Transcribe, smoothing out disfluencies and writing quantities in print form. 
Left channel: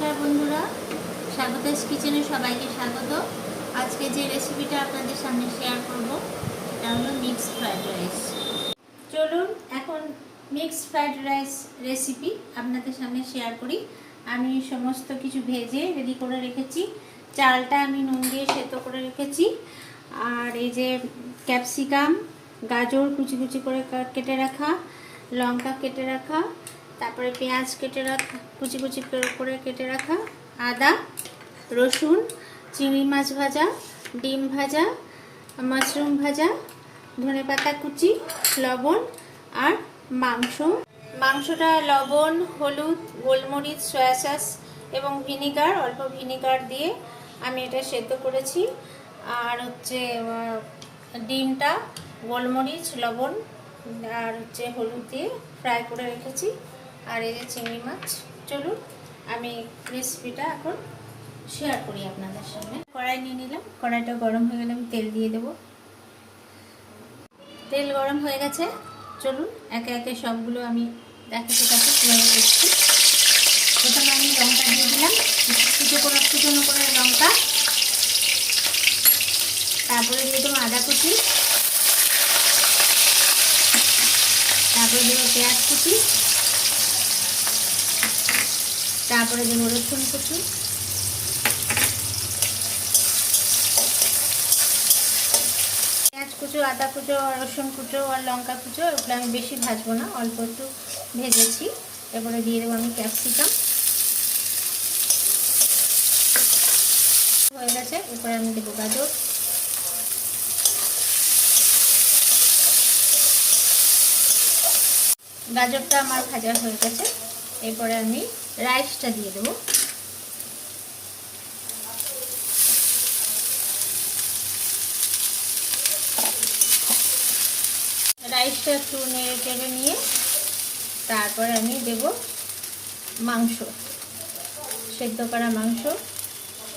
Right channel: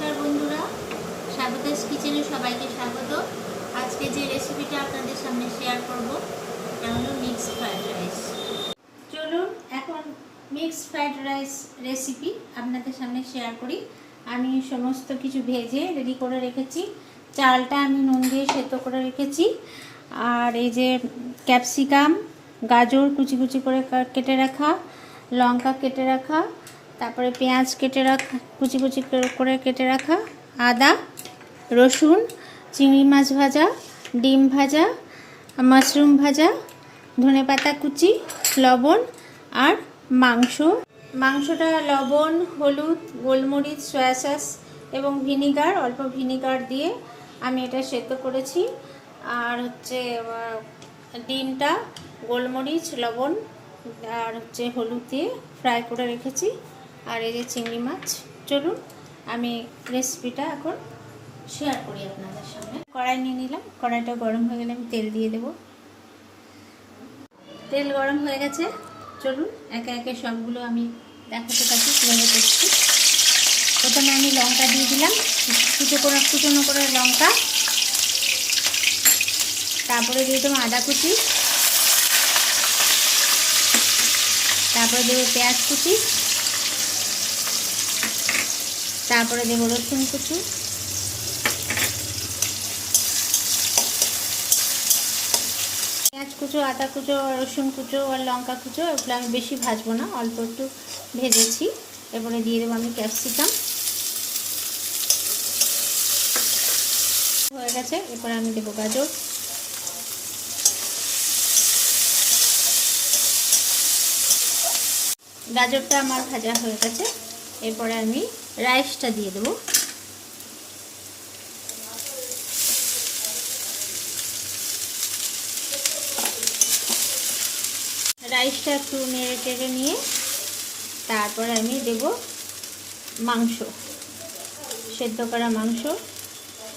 নমস্কার বন্ধুরা, স্বাগতাস কিচেনে সবাইকে স্বাগত। আজকে যে রেসিপিটা আপনাদের সামনে শেয়ার করব সেটা হলো মিক্সড ফ্রাইড রাইস। চলুন এখন মিক্সড ফ্রাইড রাইস রেসিপি আপনাদের সামনে শেয়ার করি। আমি সমস্ত কিছু ভেজে রেডি করে রেখেছি। চালটা আমি নুন দিয়ে সেদ্ধ করে রেখেছি। আর এই যে ক্যাপসিকাম, গাজর কুচি কুচি করে কেটে রাখা, লঙ্কা কেটে রাখা, তারপরে পেঁয়াজ কেটে রাখা, কুচি কুচি করে কেটে রাখা, আদা, রসুন, চিংড়ি মাছ ভাজা, ডিম ভাজা, মাশরুম ভাজা, ধনেপাতা কুচি, লবণ আর মাংসটা লবণ, হলুদ, গোলমরিচ, সয়া সস এবং ভিনিগার, অল্প ভিনিগার দিয়ে আমি এটা সেদ্ধ করেছি। আর হচ্ছে ডিমটা গোলমরিচ, লবণ আর হচ্ছে হলুদ দিয়ে ফ্রাই করে রেখেছি। আর এই যে চিংড়ি মাছ। চলুন আমি রেসিপিটা এখন শেয়ার করি আপনাদের সামনে। কড়াই নিয়ে নিলাম, কড়াইটা গরম হয়ে গেলে আমি তেল দিয়ে দেব। তেল গরম হয়ে গেছে, চলুন একে একে সবগুলো আমি দেখাতে থাকি কীভাবে করছি। প্রথমে আমি লঙ্কা দিয়ে দিলাম, কুচনো করে লঙ্কা। তারপরে দিয়ে দেবো আদা কুচি, তারপরে দেবো পেঁয়াজ কুচি, তারপরে দেবো রসুন কুচি, পেঁয়াজ কুচো, আদা কুচো, রসুন কুচো আর লঙ্কা কুচো, এগুলো আমি বেশি ভাজবো না, অল্প একটু ভেজেছি। এরপরে দিয়ে দেবো আমি ক্যাপসিকাম। হয়ে গেছে, এরপরে আমি দেবো গাজর, গাজরটা আমার ভাজা হয়ে গেছে। এরপরে আমি রাইসটা দিয়ে দেবো। রাইসটা একটু নেড়ে টেড়ে নিয়ে তারপর আমি দেব মাংস, সেদ্ধ করা মাংস।